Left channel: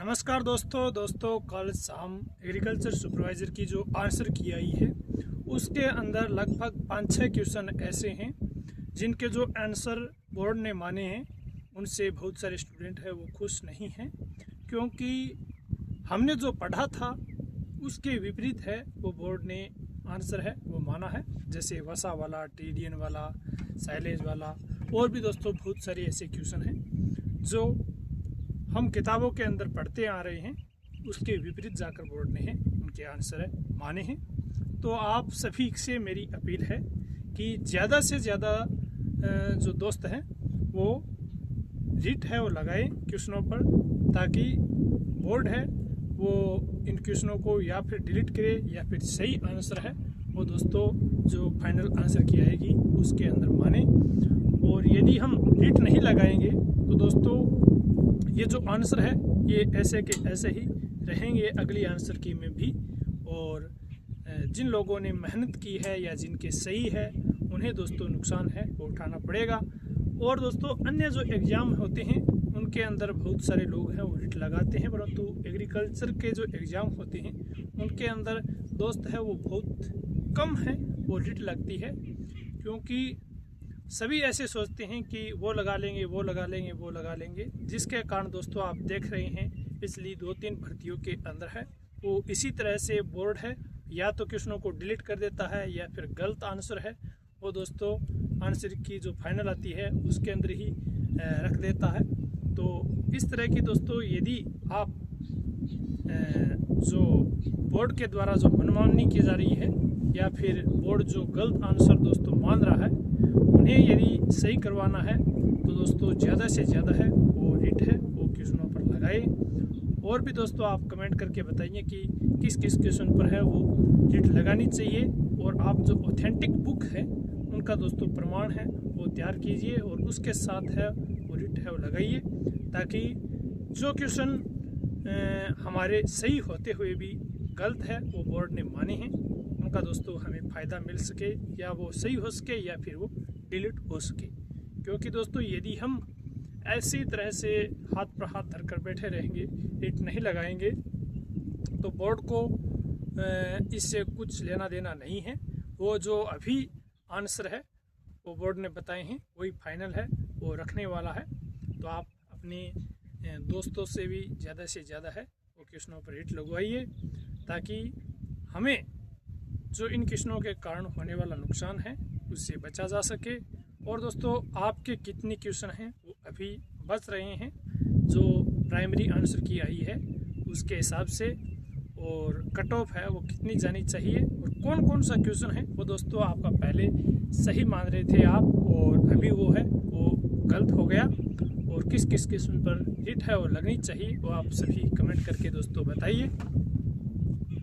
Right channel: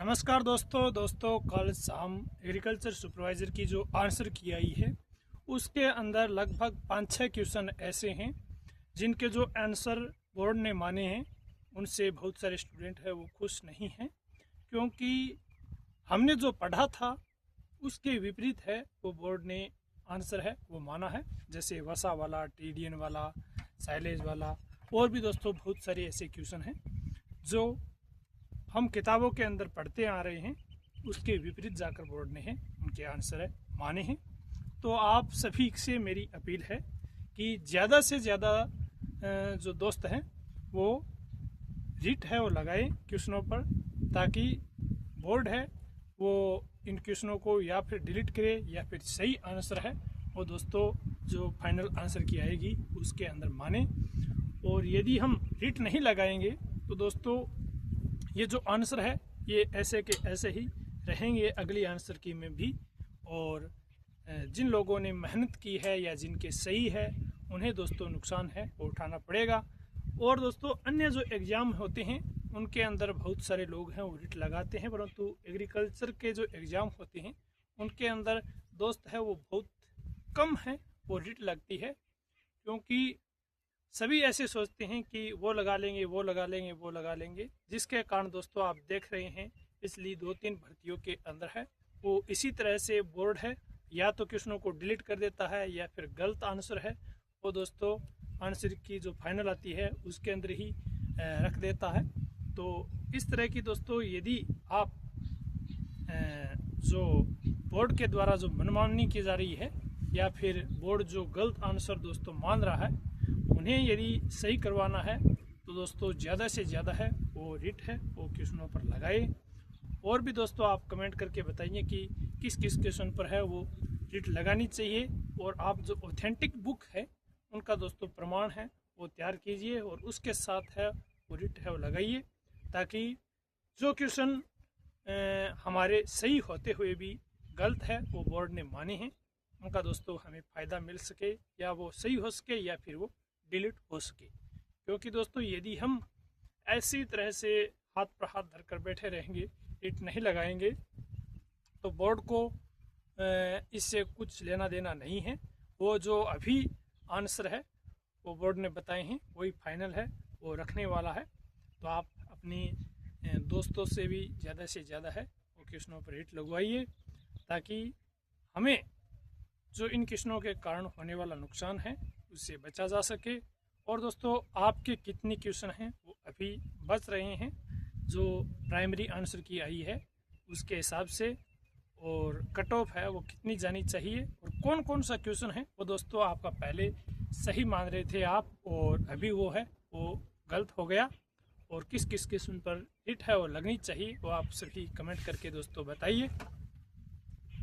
नमस्कार दोस्तों कल शाम एग्रीकल्चर सुपरवाइज़र की जो आंसर की आई है उसके अंदर लगभग 5-6 क्वेश्चन ऐसे हैं जिनके जो आंसर बोर्ड ने माने हैं उनसे बहुत सारे स्टूडेंट हैं वो खुश नहीं हैं, क्योंकि हमने जो पढ़ा था उसके विपरीत है वो बोर्ड ने आंसर है वो माना है। जैसे वसा वाला, टीडीएन वाला, साइलेज वाला और भी दोस्तों बहुत सारे ऐसे क्वेश्चन हैं जो हम किताबों के अंदर पढ़ते आ रहे हैं, उसके विपरीत जाकर बोर्ड ने है उनके आंसर है माने हैं। तो आप सभी से मेरी अपील है कि ज़्यादा से ज़्यादा जो दोस्त हैं वो रीट है वो लगाएं क्वेश्चनों पर, ताकि बोर्ड है वो इन क्वेश्चनों को या फिर डिलीट करे या फिर सही आंसर है वो दोस्तों जो फाइनल आंसर की आएगी उसके अंदर माने। और यदि हम रीट नहीं लगाएंगे तो दोस्तों ये जो आंसर है ये ऐसे के ऐसे ही रहेंगे अगली आंसर की में भी। और जिन लोगों ने मेहनत की है या जिनके सही है उन्हें दोस्तों नुकसान है वो उठाना पड़ेगा। और दोस्तों अन्य जो एग्ज़ाम होते हैं उनके अंदर बहुत सारे लोग हैं वो रिट लगाते हैं, परंतु एग्रीकल्चर के जो एग्ज़ाम होते हैं उनके अंदर दोस्त है वो बहुत कम है वो रिट लगती है, क्योंकि सभी ऐसे सोचते हैं कि वो लगा लेंगे वो लगा लेंगे वो लगा लेंगे, जिसके कारण दोस्तों आप देख रहे हैं पिछली 2-3 भर्तियों के अंदर है वो इसी तरह से बोर्ड है या तो क्वेश्चनों को डिलीट कर देता है या फिर गलत आंसर है वो दोस्तों आंसर की जो फाइनल आती है उसके अंदर ही रख देता है। तो इस तरह की दोस्तों यदि आप जो बोर्ड के द्वारा जो मनमानी की जा रही है या फिर बोर्ड जो गलत आंसर दोस्तों मान रहा है उन्हें यदि सही करवाना है तो दोस्तों ज़्यादा से ज़्यादा है वो रीट है वो क्वेश्चनों पर लगाए। और भी दोस्तों आप कमेंट करके बताइए कि किस किस क्वेश्चन पर है वो रीट लगानी चाहिए, और आप जो ऑथेंटिक बुक है उनका दोस्तों प्रमाण है वो तैयार कीजिए और उसके साथ है वो रीट है वो लगाइए, ताकि जो क्वेश्चन हमारे सही होते हुए भी गलत है वो बोर्ड ने माने हैं उनका दोस्तों हमें फ़ायदा मिल सके, या वो सही हो सके या फिर वो डिलीट हो सके। क्योंकि दोस्तों यदि हम ऐसी तरह से हाथ पर हाथ धरकर बैठे रहेंगे, रीट नहीं लगाएंगे, तो बोर्ड को इससे कुछ लेना देना नहीं है। वो जो अभी आंसर है वो बोर्ड ने बताए हैं वही फाइनल है वो रखने वाला है। तो आप अपने दोस्तों से भी ज़्यादा से ज़्यादा है वो क्वेश्चनों पर रीट लगवाइए, ताकि हमें जो इन क्वेश्चनों के कारण होने वाला नुकसान है उससे बचा जा सके। और दोस्तों आपके कितने क्वेश्चन हैं वो अभी बच रहे हैं जो प्राइमरी आंसर की आई है उसके हिसाब से, और कट ऑफ है वो कितनी जानी चाहिए और कौन कौन सा क्वेश्चन है वो दोस्तों आपका पहले सही मान रहे थे आप और अभी वो है वो गलत हो गया, और किस किस क्वेश्चन पर हिट है वो लगनी चाहिए वो आप सभी कमेंट करके दोस्तों बताइए।